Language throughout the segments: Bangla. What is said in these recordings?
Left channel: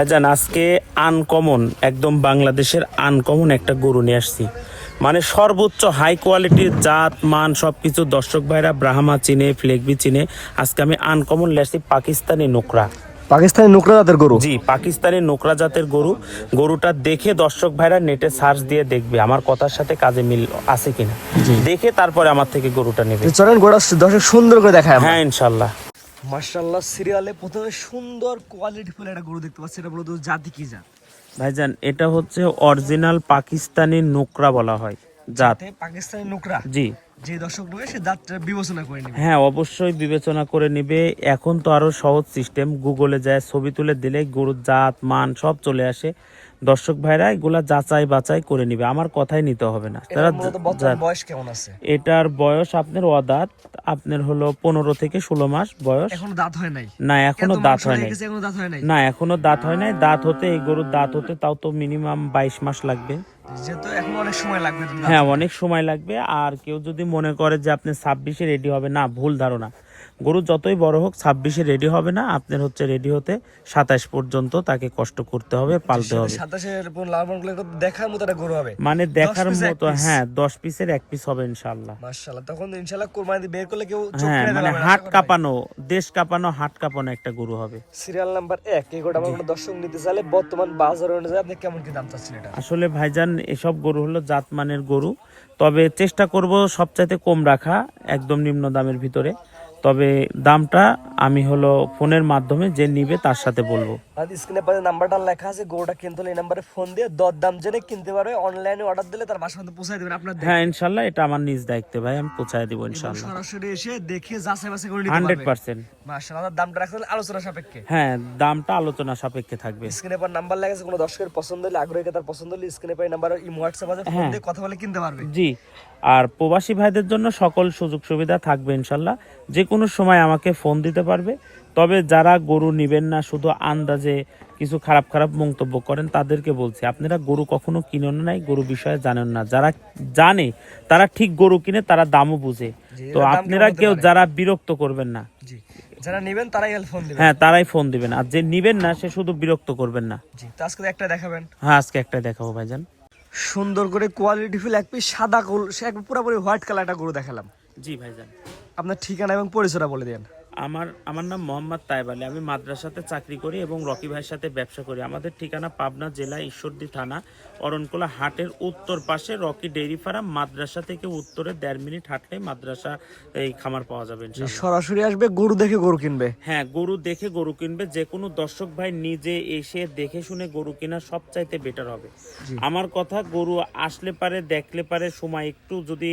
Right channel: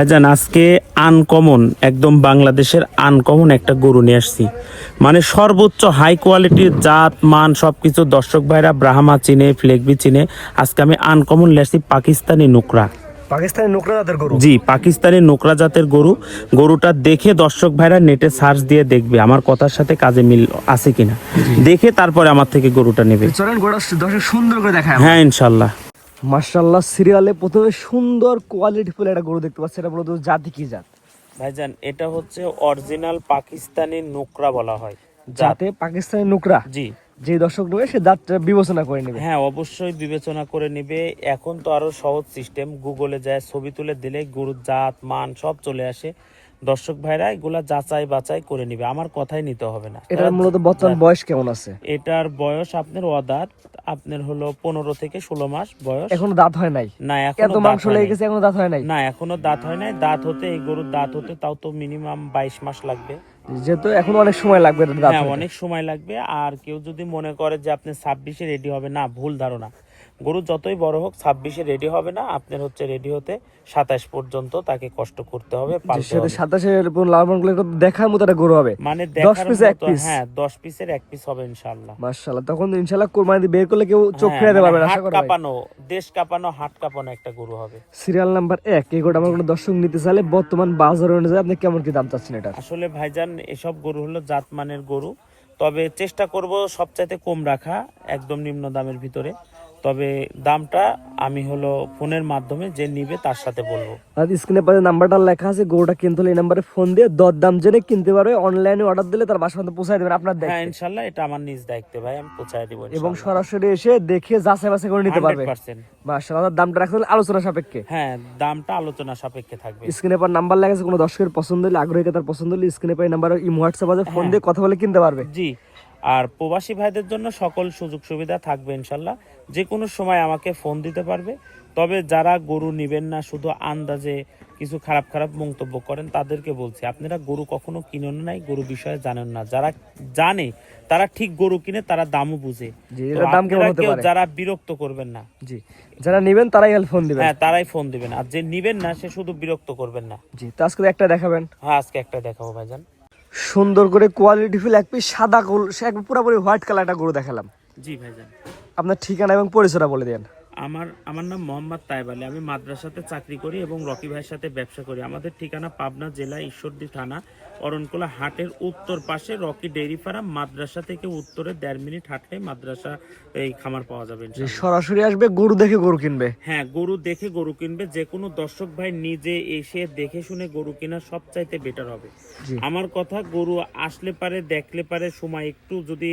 ভাইজান আজকে আনকমন, একদম বাংলাদেশের আনকমন একটা গরু নিয়ে আসছি। মানে সর্বোচ্চ হাই কোয়ালিটির জাত মান সবকিছু দর্শক ভাইরা ব্রাহ্মা চিনে, ফ্লেগবি চিনে। আজকে আমি আনকমন নিয়ে আসছি পাকিস্তানি নুকরা। পাকিস্তানি নুকরা জাতের গরু। জি, পাকিস্তানি নুকরা জাতের গরু। গরুটা দেখে দর্শক ভাইরা নেটে সার্চ দিয়ে দেখবে আমার কথার সাথে কাজে মিল আছে কিনা, দেখে তারপরে আমার থেকে গরুটা নেবে। চলেন গোটা দর্শক সুন্দর করে দেখায় আমরা। হ্যাঁ ইনশাল্লাহ। মাশাআল্লাহ, সিরিয়ালে প্রথমে সুন্দর কোয়ালিটি ফুল একটা গরু দেখতে পাচ্ছি। এটা বলতো জাতি কি জাত? ভাইজান এটা হচ্ছে অরিজিনাল পাকিস্তানি নুকরা বলা হয়। জাতে পাকিস্তানি নুকরা। জি, যে দর্শক নেবে সে জাতটা বিবেচনা করে নেবে। হ্যাঁ অবশ্যই বিবেচনা করে নিবে। এখন তো আরো সহজ সিস্টেম, গুগলে যায় ছবি তুলে দিলে গরুর জাত মান সব চলে আসে। দর্শক ভাইরা এগুলা যাচাই বাছাই করে নিবে, আমার কথাই নিতে হবে না। এটার মূলত বর্তমান বয়স কেমন আছে? এটার বয়স আপনার অদাঁত, আপনার হলো 15 থেকে 16 মাস বয়স। এখনো দাঁত হয় নাই? না এত এখনো দাঁত মাংস হয় লেগে নাই। গেছে, এখনো দাঁত হয় নাই? না এখনো দাঁত হয় নাই। দাঁত হতে এই গরুর দাঁত হতে তাও তো মিনিমাম 22 মাস লাগবে। যেহেতু এখনো অনেক সময় লাগবে এটার দাঁত হ্যাঁ হতে। অনেক সময় লাগবে। আর কেউ যদি মনে করে যে আপনি 26-এ রেডি হবে, না, ভুল ধারণা। গরু যতই বড় হোক 26-এ রেডি হবে না, আপনার হচ্ছে রেডি হতে 27 পর্যন্ত তাকে কষ্ট করতে হবে, পালতে হবে। 27-এর লালন গুলো একটু দেখার মতো একটা গরু হবে। মানে 10 দেখার পিসে এক মতো, পিস। হ্যাঁ 10 পিসের এক পিস হবে ইনশাআল্লাহ। মাশাআল্লাহ, তখন ইনশাআল্লাহ কোরবানি দিয়ে বের করলে কেউ চোখ হ্যাঁ, ফেরাতে মানে পারবে না, আশা হাত করা যায়। কাঁপানো, দেশ কাঁপানো, হাত কাঁপানো একটা গরু হবে। সিরিয়াল নাম্বার 1 এই গরুটা আমার কোনো দর্শক নিতে চাইলে বর্তমান বাজার অনুযায়ী আপনি কেমন কি দাম চাচ্ছেন এটা? আসলে ভাইজান এসব গরু হলো জাতমানের গরু, তবে চেষ্টা করব সবচাইতে কম রাখা, একদম নিম্ন দামের ভিতরে। তবে দামটা আমি হলো ফোনের মাধ্যমে যে নিবে তার সাথে বলবো। আর স্ক্রিনে পাশে নাম্বারটা লেখা আছে, গরুটা কিনতে হলে এই নাম্বারে ফোন দিয়ে দর দাম জেনে কিনতে পারবে। অনলাইনে অর্ডার দিলে তার বাসা পর্যন্ত পৌঁছায় দেবেন আপনার হ্যাঁ দায়িত্বে। ইনশাল্লাহ, এটা আমার নিজ দায়িত্বে ভাই, আমি পৌঁছায় দিব এবং ইনশাল্লাহ। সরাসরি এসে দেখে যাচাই বাছাই করে নিতে পারবে। 100%। মাশাআল্লাহ, দামটা রাখলে আলোচনা সাপেক্ষে। হ্যাঁ দামটা আলোচনা সাপেক্ষে থাকবে। স্ক্রিনে পর নাম্বার লেখা আছে, কোনো দর্শকের পছন্দ হলে, আগ্রহী তার পছন্দ হলে স্ক্রিনে পর নাম্বার হোয়াটসঅ্যাপ আছে, ফোন দিয়ে কথা বলে কিনতে পারবে। জি, আর প্রবাসী ভাইদের জন্য সকল সুযোগ সুবিধা থাকবে ইনশাল্লাহ। যে কোনো সময় আমাকে ফোন দিতে পারবে। তবে যারা গরু নিবেন না, শুধু আন্দাজে কিছু খারাপ খারাপ মন্তব্য করেন, তাদেরকে বলছি আপনারা গরু কখনো কিনেন নাই, গরু বিষয়ে জানেন না। যারা জানে তারা ঠিক গরু কিনে, তারা দামও বুঝে। জি, তো এটার দাম আপনারা কেমন হতে কেউ পারে? যারা বিরক্ত করবেন না। জি, যারা নেবেন তারাই ফোন দিবেন। হ্যাঁ তারাই ফোন দিবেন, আর যে নিবেন না সে শুধু বিরক্ত করবেন না। জি, তো আজকে একটা দেখাবেন। হ্যাঁ আজকে একটা দেখাবো ভাইজান। সুন্দর করে কোয়ালিটি ফুল এক পিস সাদা গোল, সে একবার পুরোপুরি হোয়াইট কালার একটা গরু দেখালাম। জি ভাইজান। আপনার ঠিকানা এবং পরিচয়টা বলে দেন। আমার নাম মোহাম্মদ তাইব আলী। আমি মাদ্রাসাতে চাকরি করি এবং রকি ভাইয়ের সাথে ব্যবসা করি। আমাদের ঠিকানা পাবনা জেলা ঈশ্বরদী থানা অরণকোলা হাটের উত্তর পাশে রকি ডেইরি ফার্ম। মাদ্রাসা থেকে উত্তরে 1.5 মিনিট হাঁটলে মাদ্রাসা এই খামার পাওয়া যাবে ইনশাআল্লাহ। সরাসরি আসবে, গরু দেখে গরু কিনবে। হ্যাঁ গরু দেখে গরু কিনবে। যে কোনো দর্শক ভাই নিজে এসে দেখে শুনে গরু কেনা সবচাইতে বেটার হবে। আমার কথা, গরু আসলে পারে, দেখলে পারে, সময় একটু যদি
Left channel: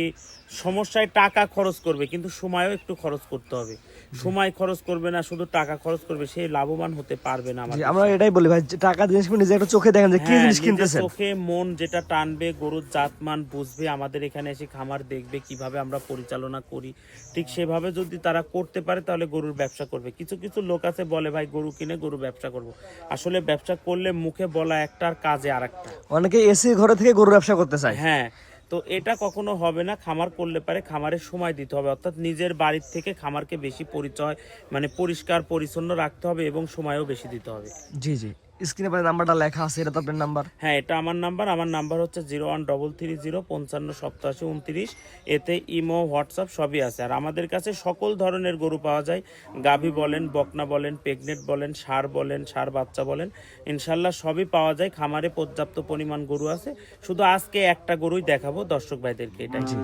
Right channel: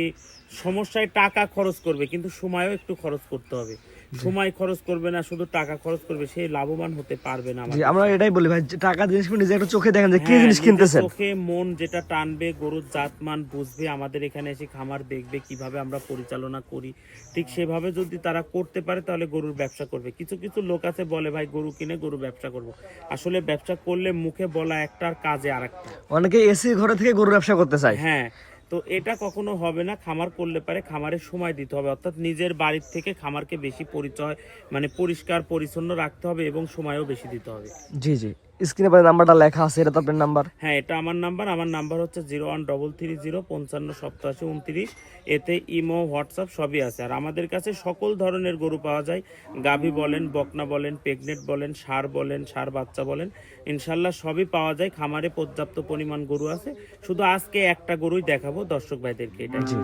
সমস্যায় টাকা খরচ করবে, কিন্তু সময়ও একটু খরচ করতে হবে। সময় খরচ করবে না, শুধু টাকা খরচ করবে, সে লাভবান হতে পারবে না। আমরা এটাই বলি ভাই, টাকা জিনিস নিজে একটা চোখে দেখেন যে কি হ্যাঁ, জিনিস নিজের কিনতেছেন। চোখে মন যেটা টানবে, গরুর জাতমান বুঝবে, আমাদের এখানে এসে খামার দেখবে কিভাবে আমরা পরিচালনা করি, ঠিক সেভাবে যদি তারা করতে পারে তাহলে গরুর ব্যবসা করবে। কিছু কিছু লোক আছে বলে ভাই গরু কিনে গরু ব্যবসা করব। আসলে ব্যবসা করলে মুখে বলা একটা আর কাজে আরেকটা। অনেকে এসি ঘরে থেকে গরু ব্যবসা করতে চায়। হ্যাঁ, তো এটা কখনো হবে না। খামার করলে পারে খামারের সময় দিতে হবে, অর্থাৎ নিজের বাড়ির থেকে খামারকে বেশি পরিচয়, মানে পরিষ্কার পরিচ্ছন্ন রাখতে হবে এবং সময়ও বেশি দিতে হবে। জি জি, স্ক্রিনে পরে নাম্বারটা লেখা আছে, এটা তো আপনার নাম্বার। হ্যাঁ এটা আমার নাম্বার। আমার নাম্বার হচ্ছে 01330558729। এতে ইমো, হোয়াটসঅ্যাপ সবই আছে। আর আমাদের কাছে সকল ধরনের গরু পাওয়া যায়। গাভী বলেন, বকনা বলেন, প্রেগনেন্ট বলেন, ষাঁড় বলেন, ষাঁড় বাচ্চা বলেন, ইনশাল্লাহ সবই পাওয়া যায়। খামারে পর্যাপ্ত পরিমাণ গরু আছে। শুধু আজকে একটা গরুই দেখাবো দর্শক ভাইদেরকে, এটাই। জি,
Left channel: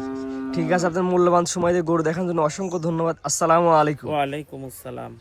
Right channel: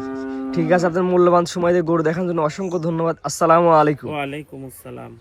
ঠিক আছে, আপনার মূল্যবান সময় দিয়ে গরু দেখার জন্য অসংখ্য ধন্যবাদ। আসসালামু আলাইকুম। ওয়ালাইকুম আসসালাম।